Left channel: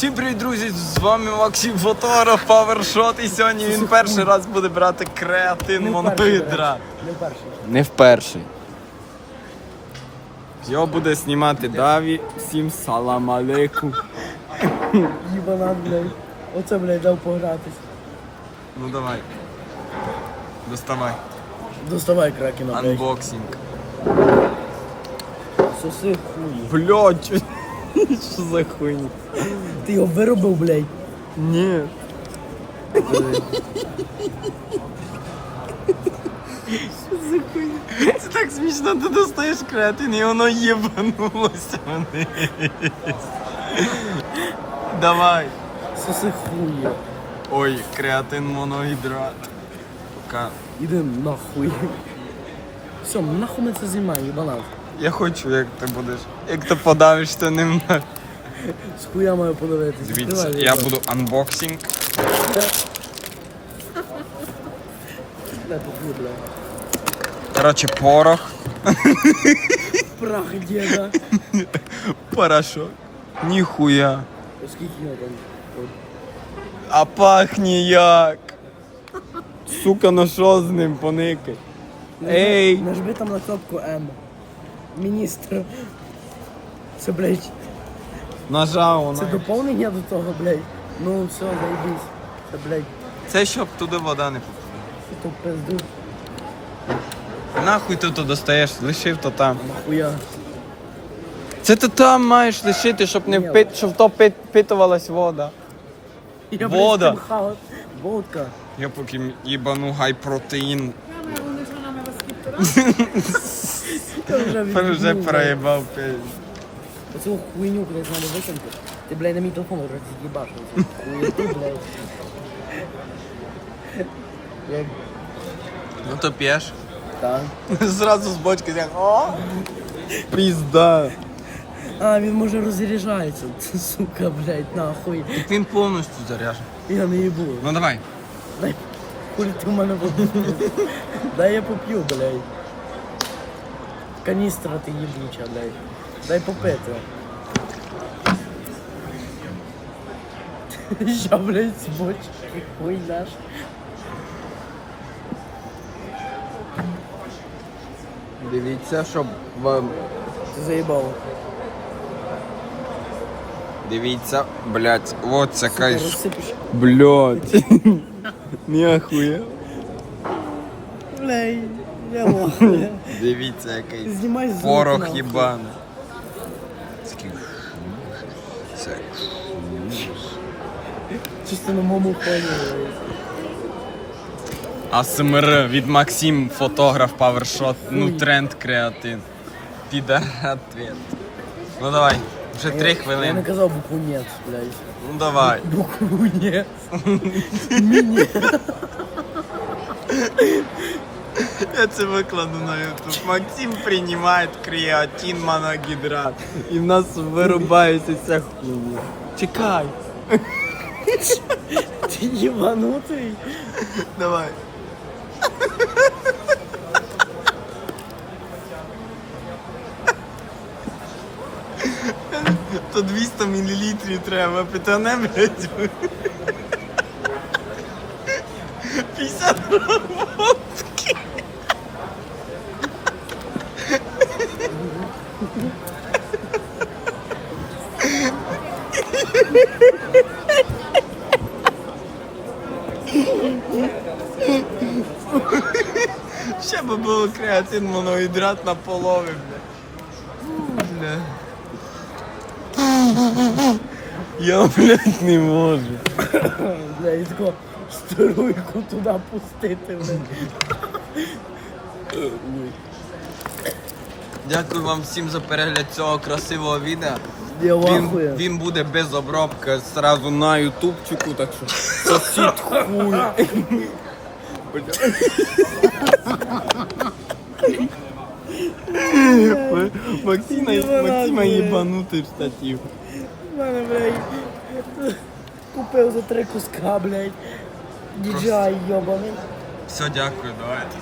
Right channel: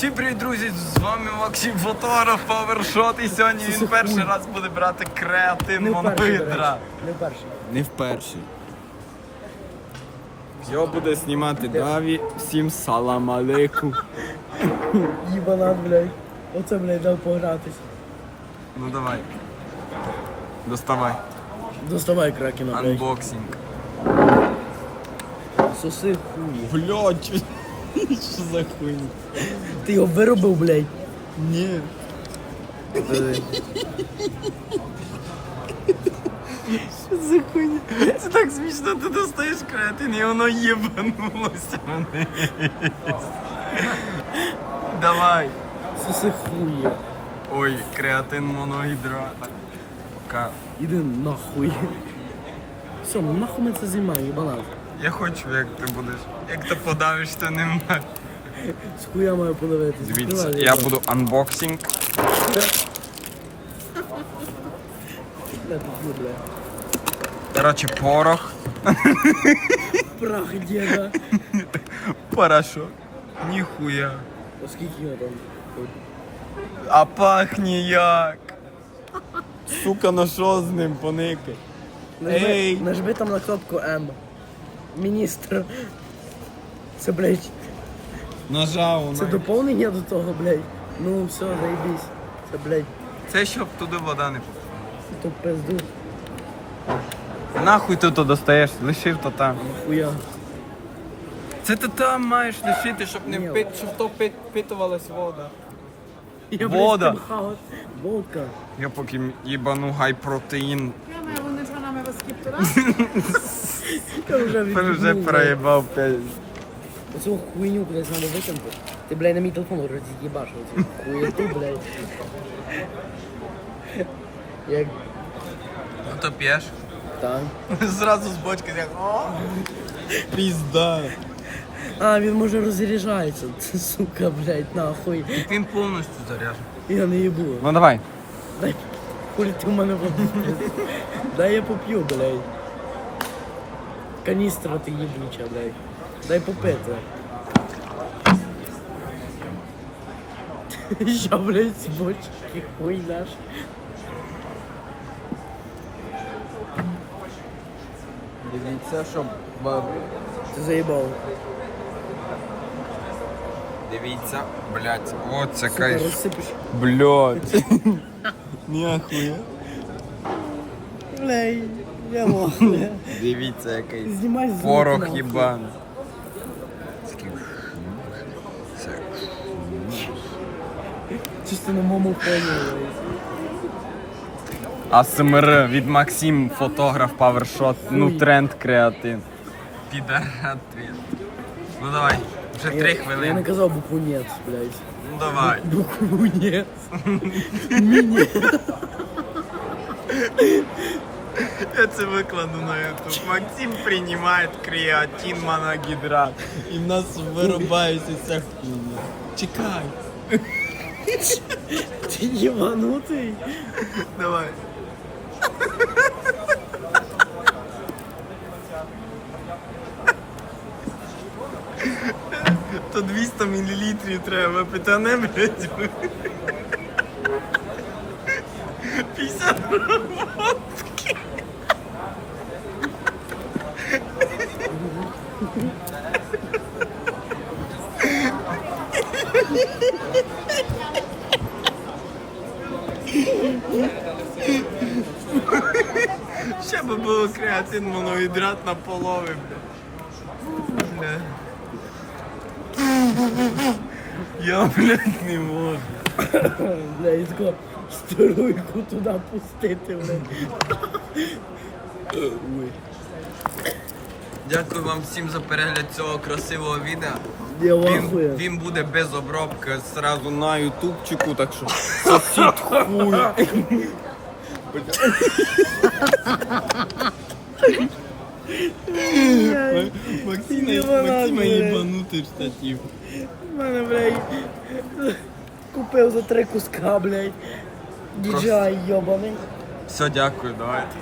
Всім привіт, друзі! З вами Максим Фотограф, Павершот. І сьогодні він перший раз буде брати креатин до Не вперше. Не вперше. Його буде знімати Даві. Всім салам алейкум. Їбана, блядь. Оце, блядь, дав погратись. Ну давай. Доставай. Доставай кракена, блядь. Анбоксинг. Соси хуй. Блять. Що за хуйня? Ти його виробив, блядь. Ні. Це так смішно, ти достаєш креатин і воно єбанулося вниз. Давай. Соси хує. Ой, креатин моногідрат. Пока. Іди нахуй. Все, нахуй ми це займаємо, їбана. Я хочу, як ти будеш. Як ти подавиш, то не можеш. З хуя маю подивитись. Дивіться, Відкривай, я їбан. буду анбоксинг. Бля, тут є. Коротше, порох, Прах діда. порошок. Ніхуя. Оскільки його там? А пахне як. Сука, ну що з ним поники? Нажми, Ей. нажми там на кнопку М. Міністр. Це, блядь, Нажав це доповнення до того, блядь. Ну, все, заїбись. Це, блядь, Це щоб туди вода не попала. то пизду. Нахуй ти то достаєш, лишив то там. Нахуя. Це ти там маєш лишити, щоб не Ні. впит, щоб то пит, впитувалась вода. Я, Вода. хаос. Водка. Я поки їбану гай протеїн. Я вже Тепер вже відбув, проїбав п'ять. блядь. Оцю хуйню кудись треба викинути. Ти, блядь, на мій телефон роз'їбаш. Оцю хуєту, блядь. Як Ну то п'єш. так. Зразу з бочки як о. Пізда. А, він може розряджається. Сука, блядь, нахуй. Він повністю заряджений. Я не їбу. Ну давай. Дай хули ти в мене воду. Дай я поп'ю, блядь. Каністра ти їбуча, блядь. Дай попити. Що, блядь, з бочки хуй наш. Дивіться, щоб вам. Ти заїбав. Дивіться, блять, от це Сука, кайф. розсипиш. Блять. Ніхуя. Блядь, Я. Дивіться, який Знімай звук, порох нахуй. їбаний. Такий Це Чисто на моєму фоні. АСМР від Максим, фотограф, павершот, ну тренд креатин. Піда ответ. Ну давай, вже три Я не хвилини. казав букву «нет», блядь. Ну давай. Букву «нет». Міні. Я це викладу на YouTube. Максим приймає креатин моногідрат. І в нас вирубається ця хуйня. Чекай. Ти їбанутий? Давай. То 200 мл треба, питане, блядь. 50 водки. Ще би було креатин моногідрат на полови, бля. Я, блядь, не можу. Бля, і тако струйку туди пустити, блядь. Дякую вам всім за перегляд цього красивого відео. Я Він, він буде без обробки сразу на ютубчику, так що сосід хуй. Максима, Максима їбанутий штатив. У мене, блядь, купив за три куска, блядь. DJI йобаний. Все, дякую, давайте.